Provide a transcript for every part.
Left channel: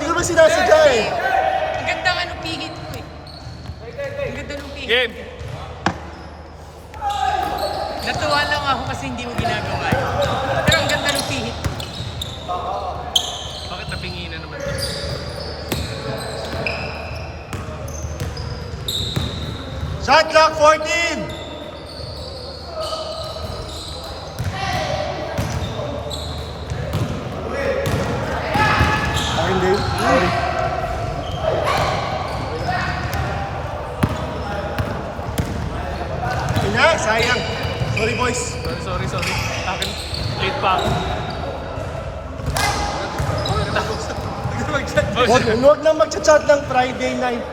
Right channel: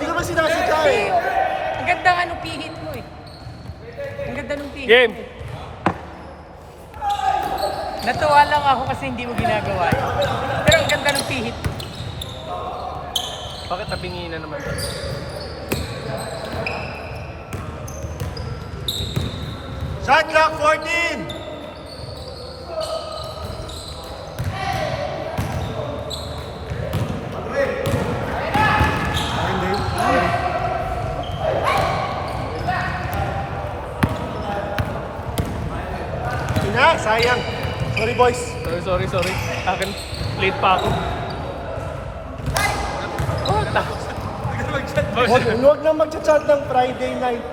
hindi naman sinasadya eh. Ang ganda nga nung pihit mo eh. Ang ganda nung pihit. Game! Natuwa lang ako kasi hindi mo ginagawa. Pero ang ganda nung pihit. Bakit napingi na naman to? Shot clock 14! Ina, sayang. Sorry boys. Sorry. Akin, late pa ako. Huwag lang mag-chat ng Friday night.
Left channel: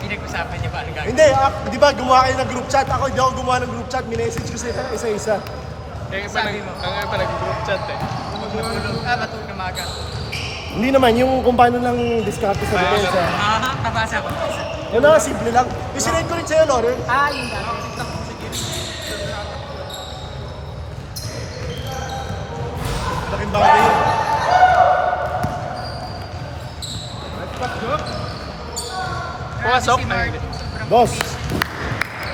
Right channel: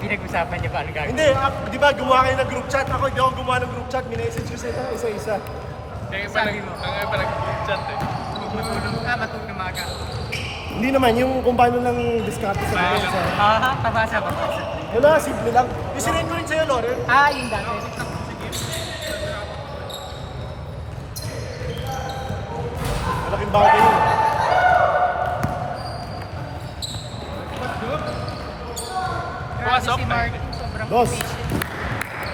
Pinag-usapan niya ba ang gagawin? Hindi, di ba gumawa kayo ng group chat? Ako hindi ako gumawa ng group chat. Minessage ko sila isa-isa. Kaya Sabi mo? Tangan talaga group chat eh. Huwag matulog. Matulog na maga. Hindi naman, yung kung paano nang discarte sa depensa. Tabasa. Yung mga simple lang. Yung sinend ko rin sa'yo, Laurel. Yung dati. Malaking bagay yun. Grabe si Mark. Sobrang Boss. patient.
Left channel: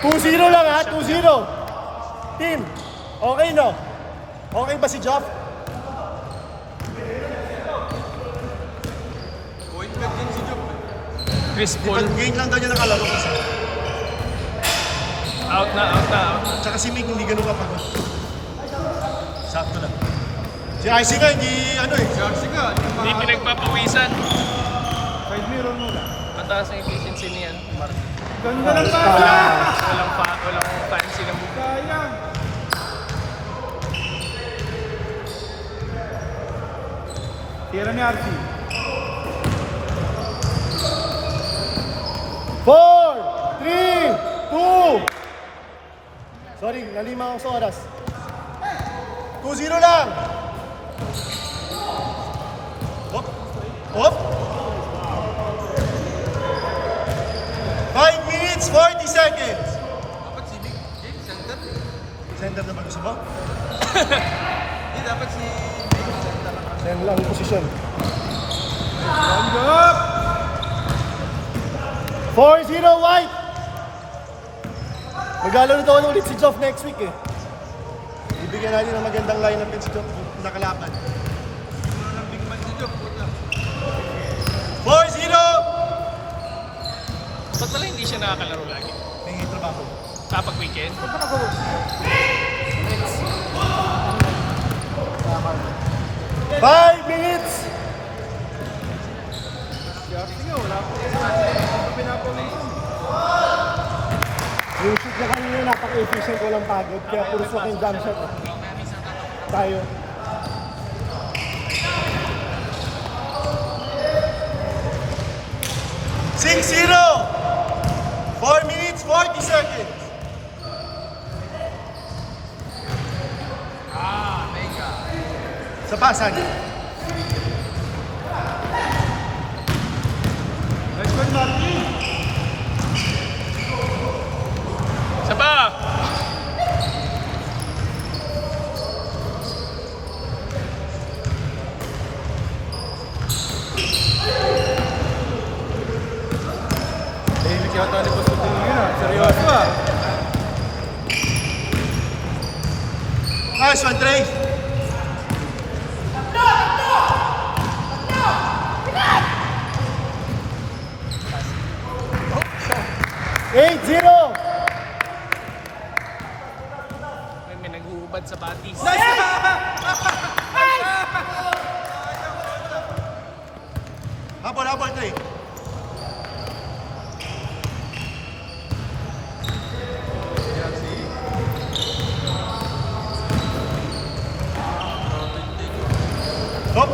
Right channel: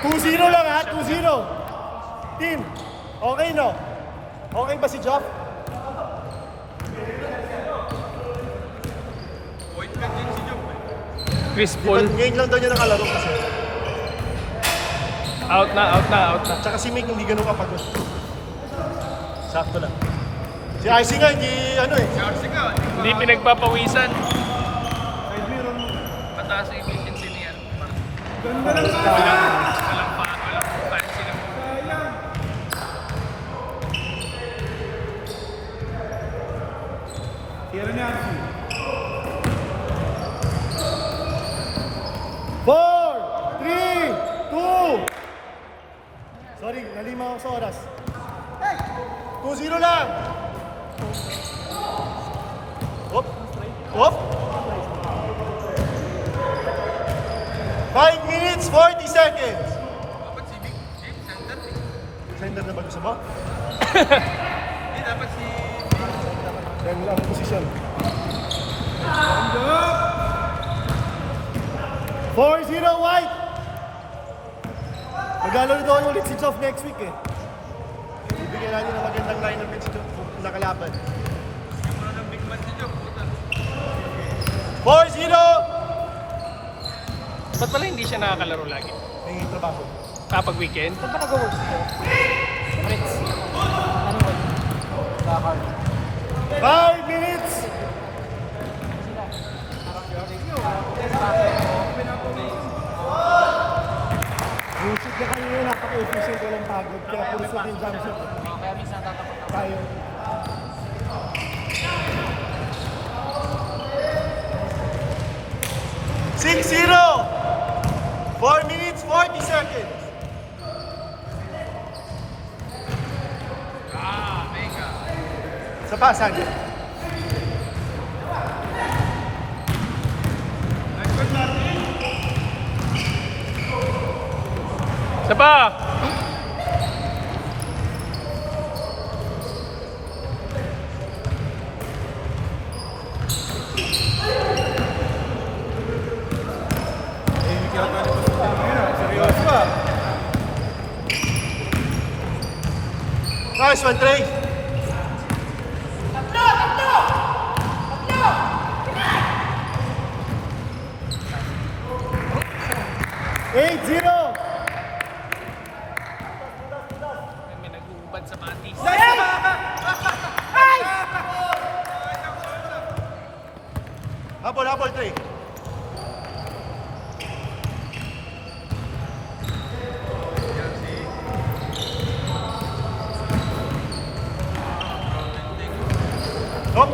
2-0 lang ha, 2-0. Team, okay no? Okay ba si Jock? Chris Di ba Paul. ngayon lang daw niya nakalaro kasi. Out na. Tsaka si Mick hindi ganun kapagod. Sakto lang. Si Icy nga, hindi ano eh. Hindi pinagpapawisan. Mataas na efficiency niyan. Walang fancy na mo. Tira ni Archie. 4, 3, 2. Sorry, nalima ako sa oras. 2-0 lang. Hop. 5 minutes, 40 seconds. Center na ba gusto mo? Hindi dapat si... Sayang mo lang ang posisyon. 4-0 White! Maglalaro daw ulit si Joff next week eh. Bibigyan natin ng magandang lineup din si Joff kung nakalaban. 4-0! Ba't pala hindi siya nakakalaro lagi? May trabaho. Kapag weekend? 5 minutes! Yung shoot na kanina napaka-efficient ko lang pagod. Kaya puro sa akin jump shot. Kaya minsan tatapat ako. Tayo. Six zero. 4 minutes, 40 seconds. Sa pasan. Isa pa! Nice one, Trey. Eight zero. May nag-uubad sa batis. Habol, Trey. Hop.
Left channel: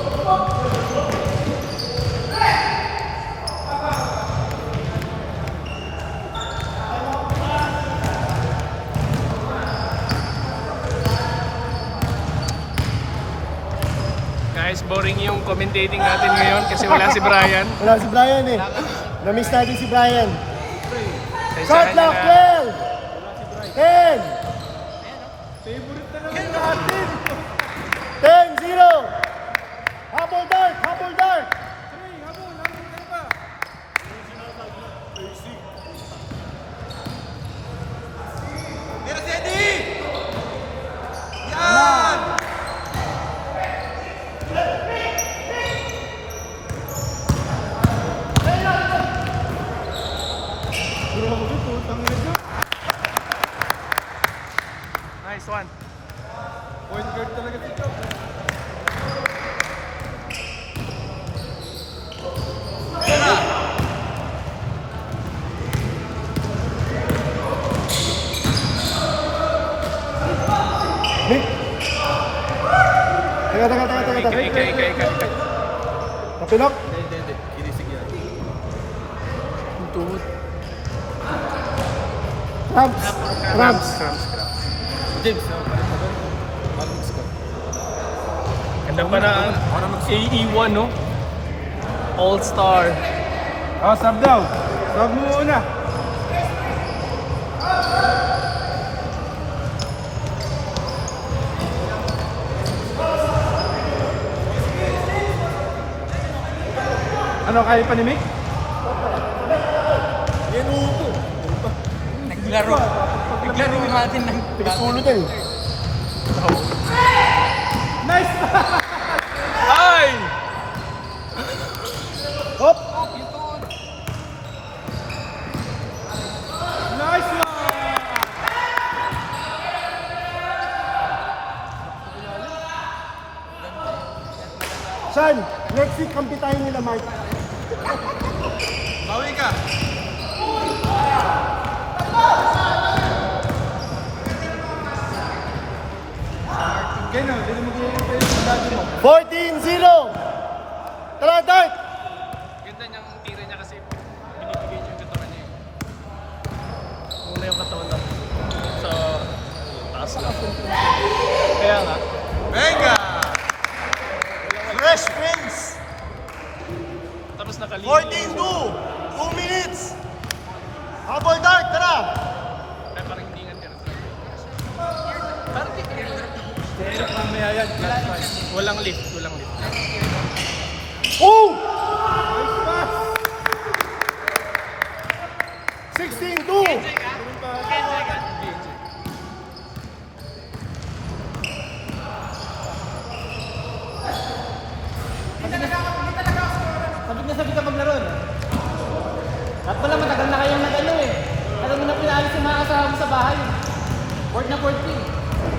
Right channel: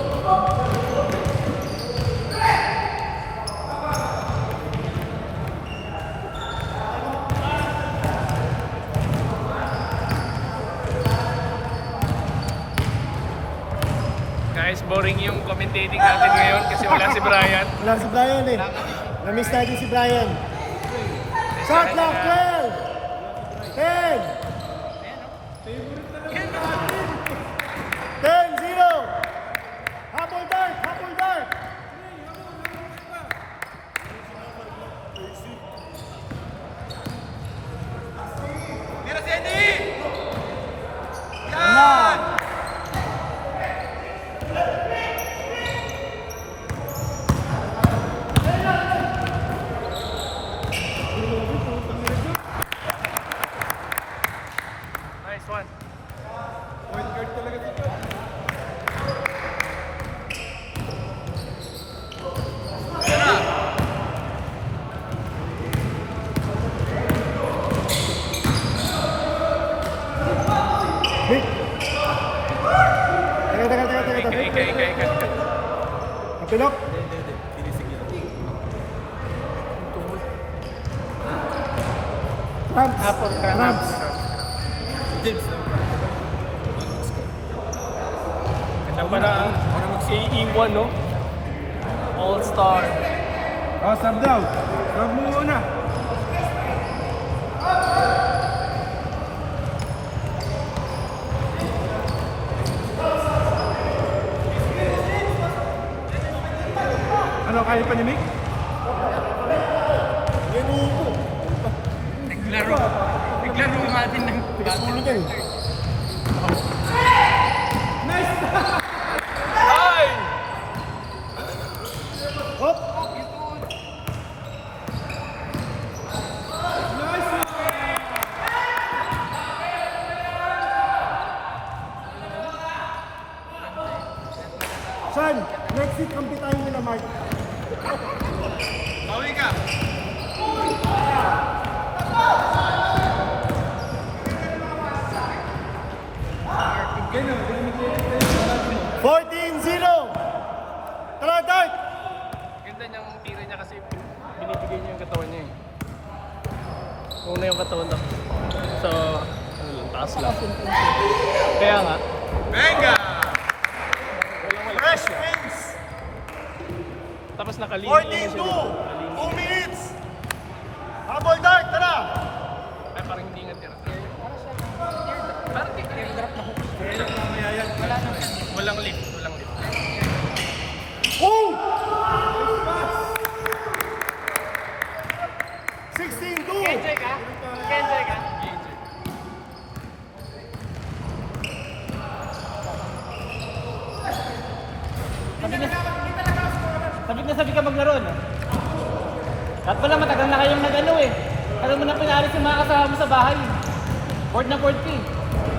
Guys, boring yung commentating natin ngayon kasi wala si Brian. Wala si Brian eh. Na-miss natin si Brian. Shot clock 12. 10. 10-0. Habol daw. Tunok. Hindi. Kinisig yan. Rams. James. Ganda pa na AE1, no? All-Star. Oh, sub daw. Sub mo muna. Ano kaya pa ni Mick? Naglaro. Naglaro natin ng Ulo ka eh. Nice! Ay! Hop. Nice one! Sean, next week kampi tayo nila Mark. Away ka! Ganun, hindi mo mag-iilit mo. 14-0. Tara, Dart. Ganda niyang tira niya kasi binibigay niya yung katawan niya. Una yung katawan niya. Sa taas lang. Kaya nga. Venga! Fresh Prince. Tapos nakalimutan. 14-2. 2 minutes. Habol, Dart. Tara. Ay, parang hindi nga tira. Parang di ka nahihirap na hook. Wala nang siya. Walang lift. Walang Oh! 16-2. Sabi ka maglaro na. Ba't pala matagal na kayong nag-ano eh. Alam mo na pinalis yung mga kasama mo sa bahay. Board na board team.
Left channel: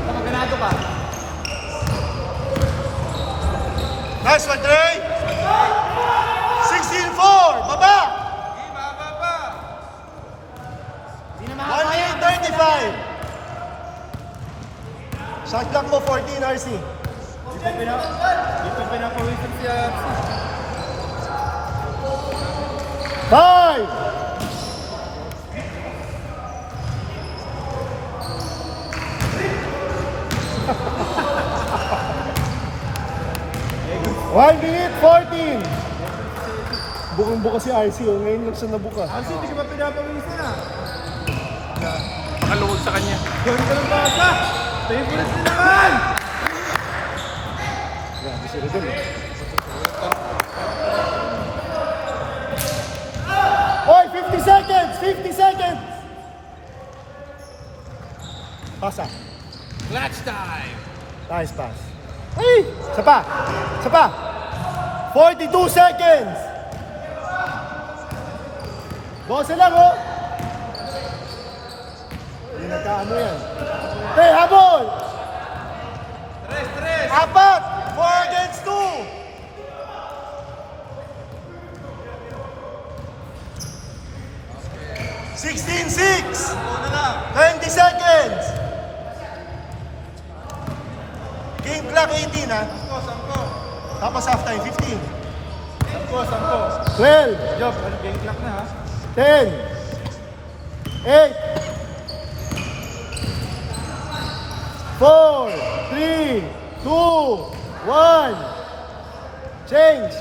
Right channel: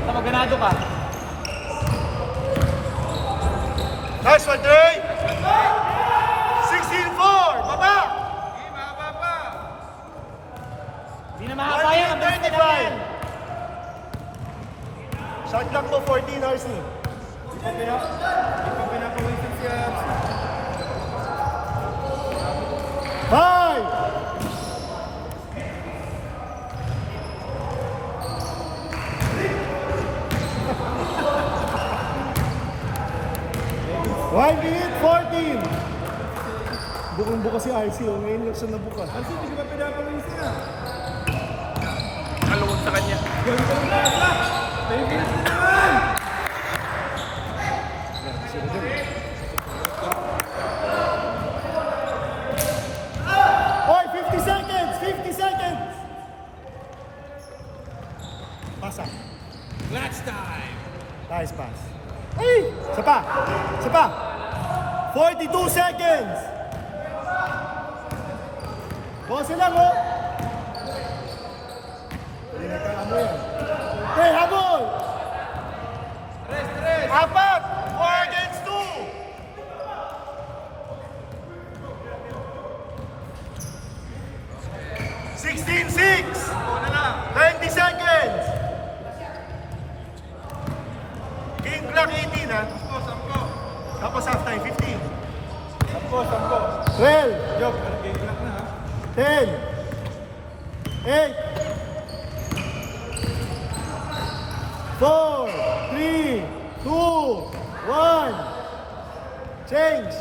Tama, ganado ka. Nice one, Trey. 16-4. Baba. Hindi na 1 minute 35. Shot clock po 14 RC. Five. One minute 14. Bukong-buka si RC. Ngayon lang siya nabuka. Kasi hindi ko ba pinapawisan na? Nalungod sa kanya. Ganda ang basa! Favorite na naman! Oy, 50 seconds! 50 seconds! Pasa. Clutch time! Nice pass. Hey! Isa pa! Isa pa! 42 seconds! Bose lang, oh! Hindi nagkaano yan. Hey, habol! Apat! 4 against 2! $16-6! 20 seconds! Game clock 18, ha? Tapos half time, 15. 12. Job, game clock na ha? 10, 8, 4, 3, 2, 1. Change.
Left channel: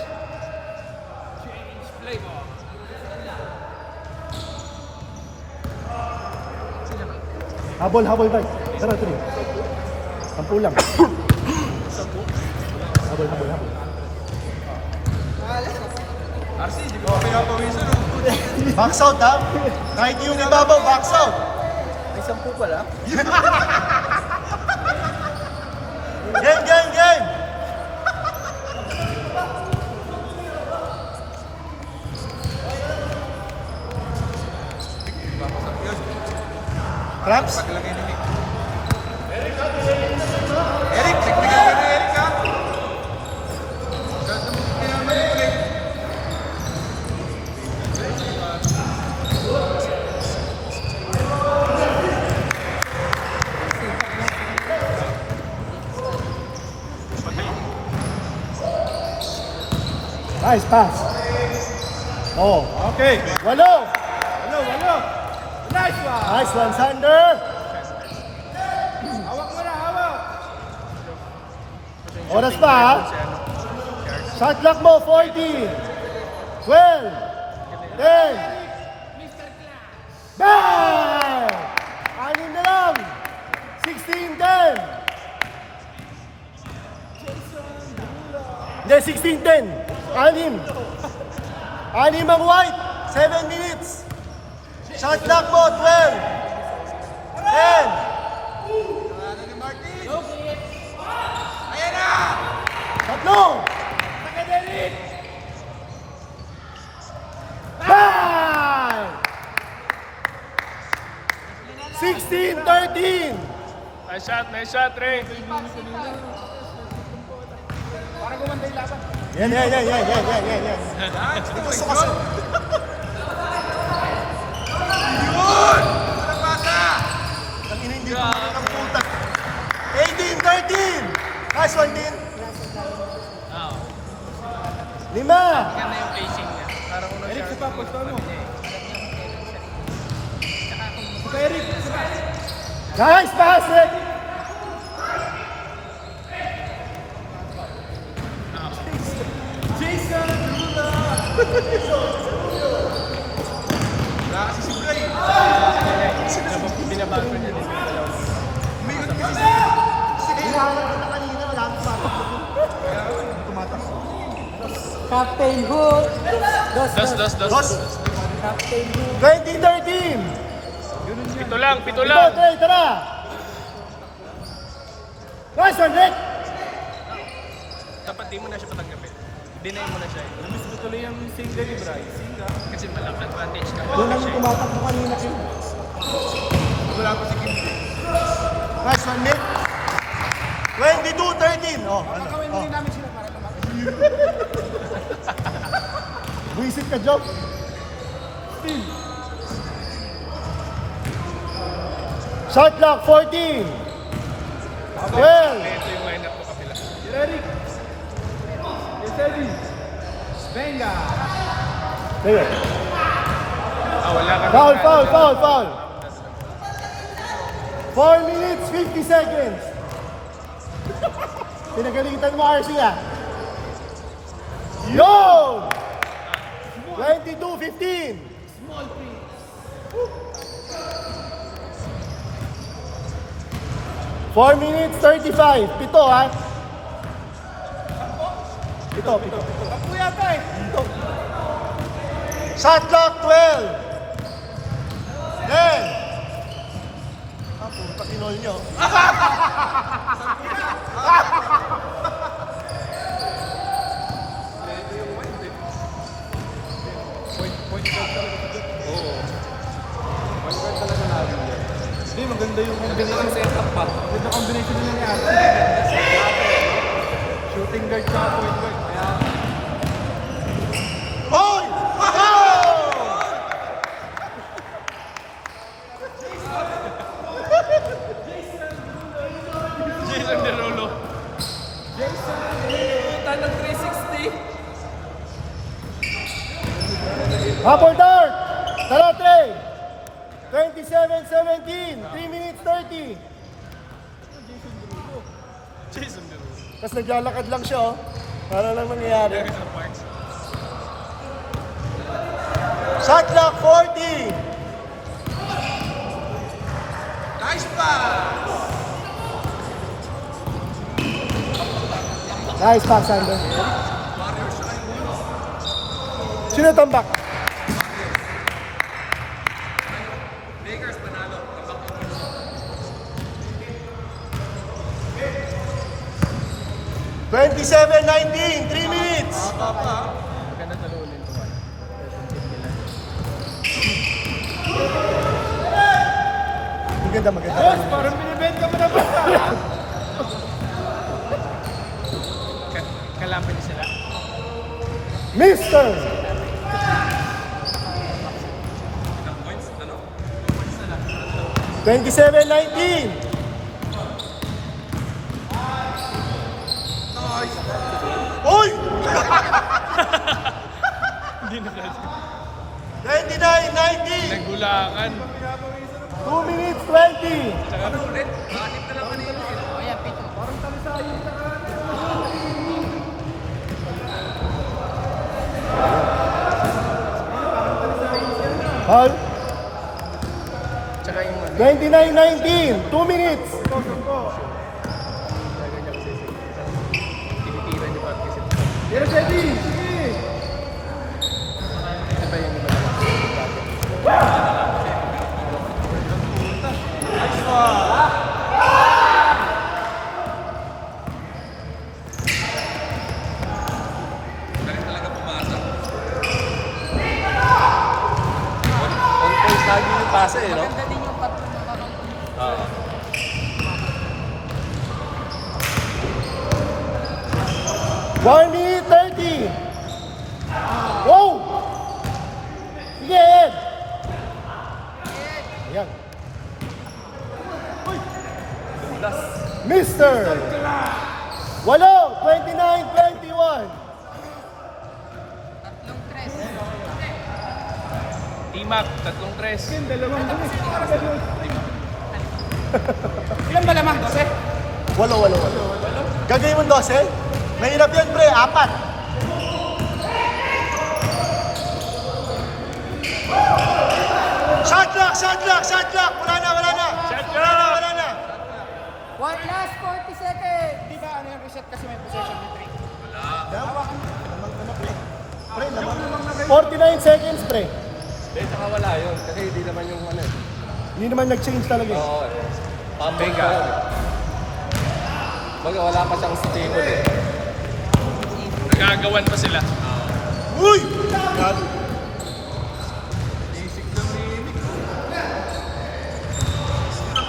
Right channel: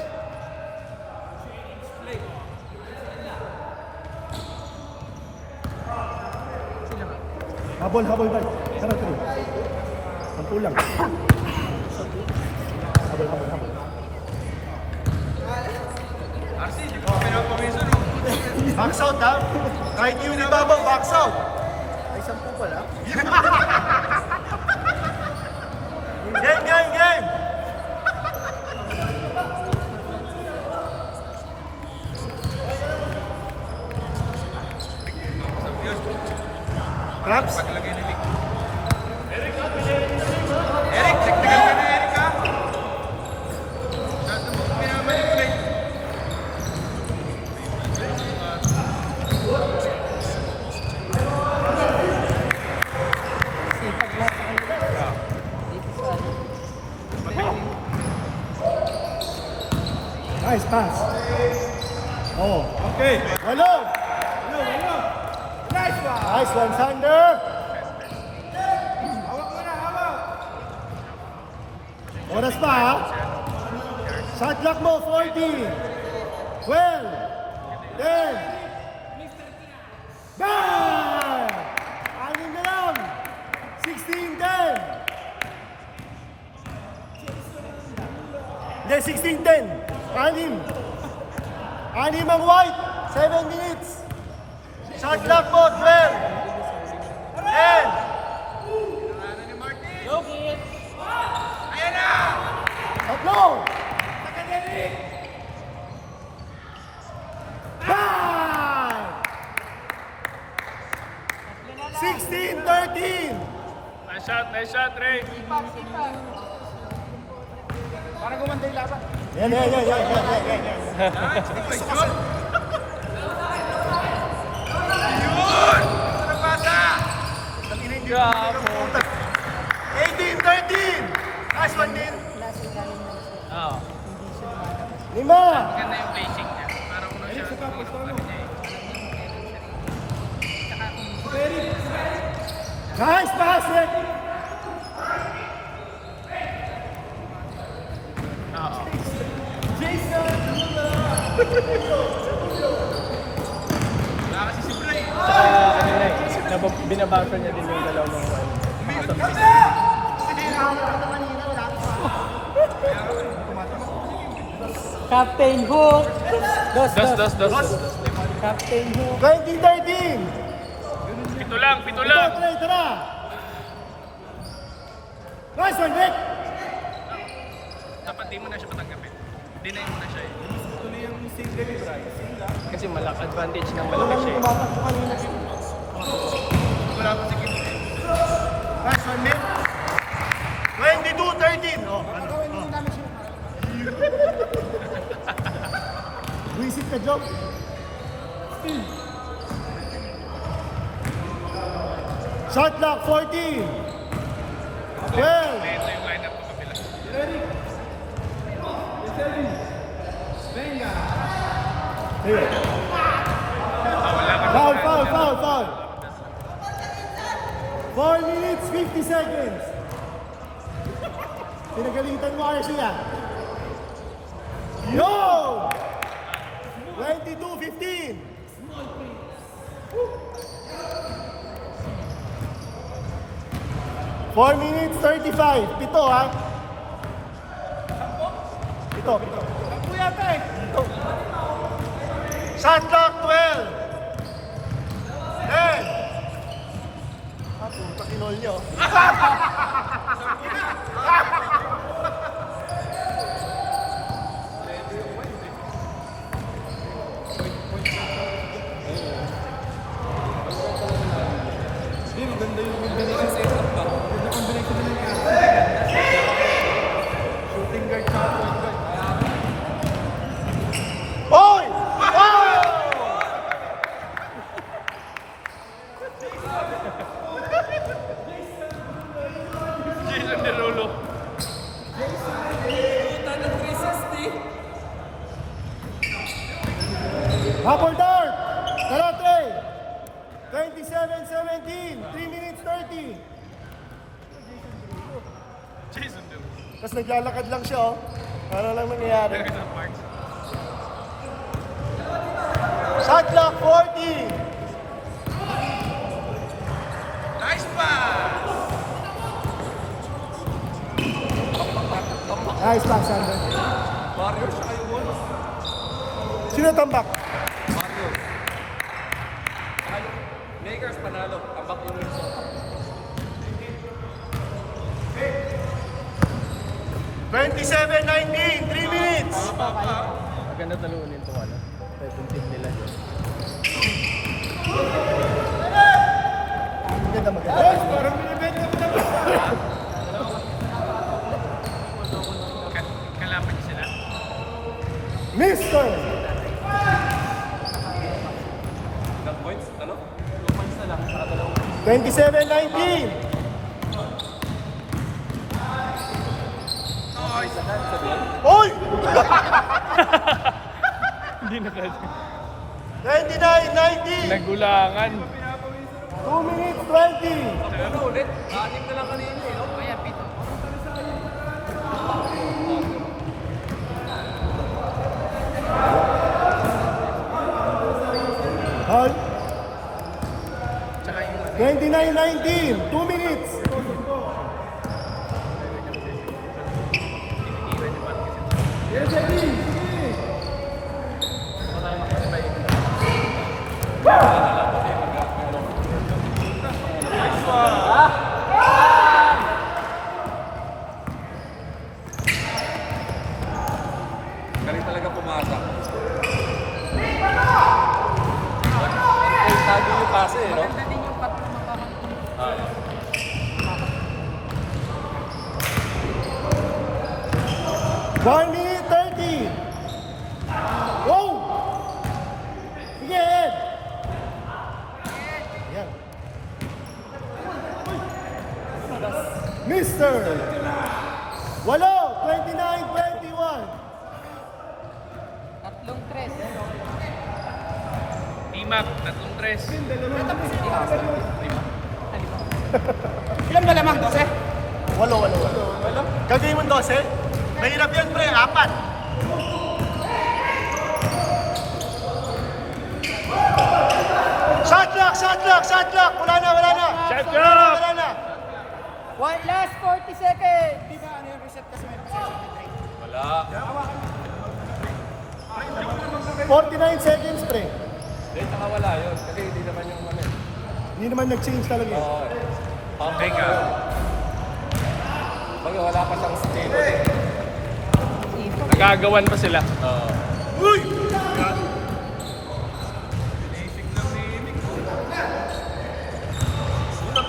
Habol, habol, bay. Tara, tuloy. 10 lang. Kasi, hindi ko pa pinapawisan no? Box out, ha? Kahit yung ibabaw, box out. May 10 pala. Game, game, game. Cramps? Paglagay ni Mick. Eric, check na natin na Eric ha? Nice pass. Oh, okay. Walo. Nice one, Sander. Oras pa, ha? Shot clock mo, 40. 12. 10. Bang! Anim na lang. 16-10. Hindi, 16-10. Anim. Anim ang white. 7 minutes. Shot clock mo, 12. 10. Go! Bang! 16-13. Nice shot, Ray. Para gumanda yung laban. Yan. Gusto kasi. Tangina, hindi ko muna ng puta. 18-13. Nice one, Din. 5. Ganda yung facing niya. Parang una siya. Nice pass, Rick. Binabago niya din. Captain Hook. Dos. Captain Hook. 20-13. Pito Ito, lang. Trey, tara. Nice one, Rick. Dapat di mo na siya patagapin. Deny mo na siya. Tuloy yung single. Kasi malaki advantage na wala siya. Nice one, Nick. 22-13. Oh, Gawin mo namin sila para Buisit ka, Job. Shot clock, 14. 12. Venga. There. Foul. 4 minutes, 50 seconds. Pinagalitan mo, RC, ah. Yo! 22-15. Small print. 4 minutes, 35. Pito, ha? Pito. Takbo yata eh. Shot clock, 12. 10. Ah, puta, kinol nyo. Hindi, maganda yung combination setup pa. Maganda combination nila na. Shooting guard siya. Oy! Oh! Puta ng 360. Upper dark! Tara, Trey! 27-17, 3 minutes 30. Tapos naglalakad lang siya, oh. Para lang nangyayari. Shot clock, 40. Nice pass! Nice pass, Sandro. Sino tambak? Lakers panalo. Tabak ulo. 27-19, 3 minutes. Maganda mo. Parang binibenta mo na ba? Kalaman niya sila. Mister! $27-19. Oy! Hindi na kasi. 29-90. Nagulangan. 2 minutes 20. Ano ulit? Bakit na lang kanina? Ayan, pito. Hal. 29-19. 2 minutes. Pero Sedi, sige. Galing talaga pumasok. Maganda din yung pato makakakulit. One minute 30. Go! Sige, Ed. Yan. Mister. Walo, 29-21. Tatlong tres. Imak, 3-3. Natapos yung oras. Ilan ba lamang? 12? Walo. Gagawin mo 12? Mahirap yan, pre. 4. Shot clock. Wala na. One last 40 seconds. Di ba ano yung reset kasi may possession na 49 seconds, pre. Wala yun. Kasi hindi naman yung ano. Hindi naman nag-change talaga eh. Teka. Wala pa siyang steal. Nagagawan pa sila. Uy!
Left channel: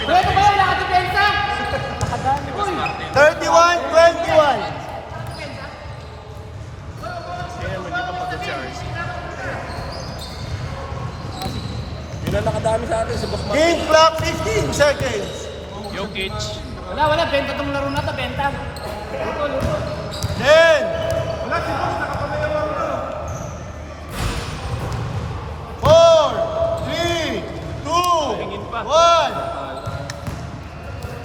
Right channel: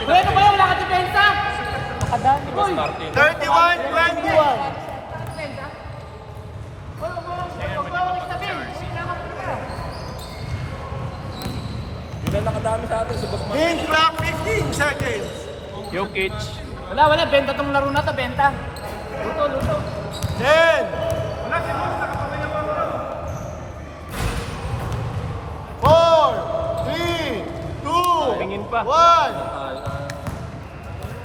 Pwede ba yan nakadepensa? Uy! 31-21. Hindi na nakadami sa atin sa book. Game clock 15 seconds. Jokic. Wala. Benta tong laro na to, benta. Luto. 10. 4, 3, 2, Tingin pa. 1.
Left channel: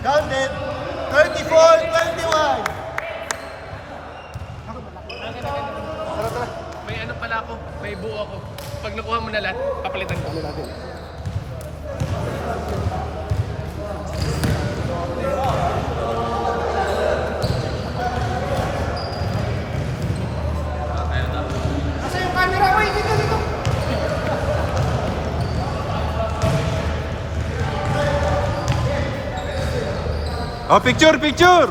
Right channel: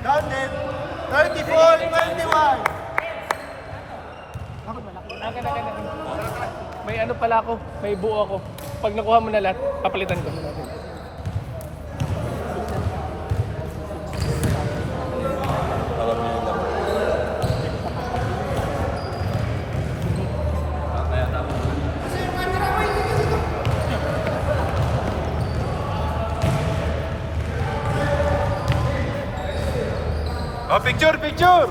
Counted. 34-21. May ano pala ako, may buo ako. Pag nakuha mo na lahat, papalitan ko muna doon. Kasi yung camera ko, dito. Oh, picture. Picture.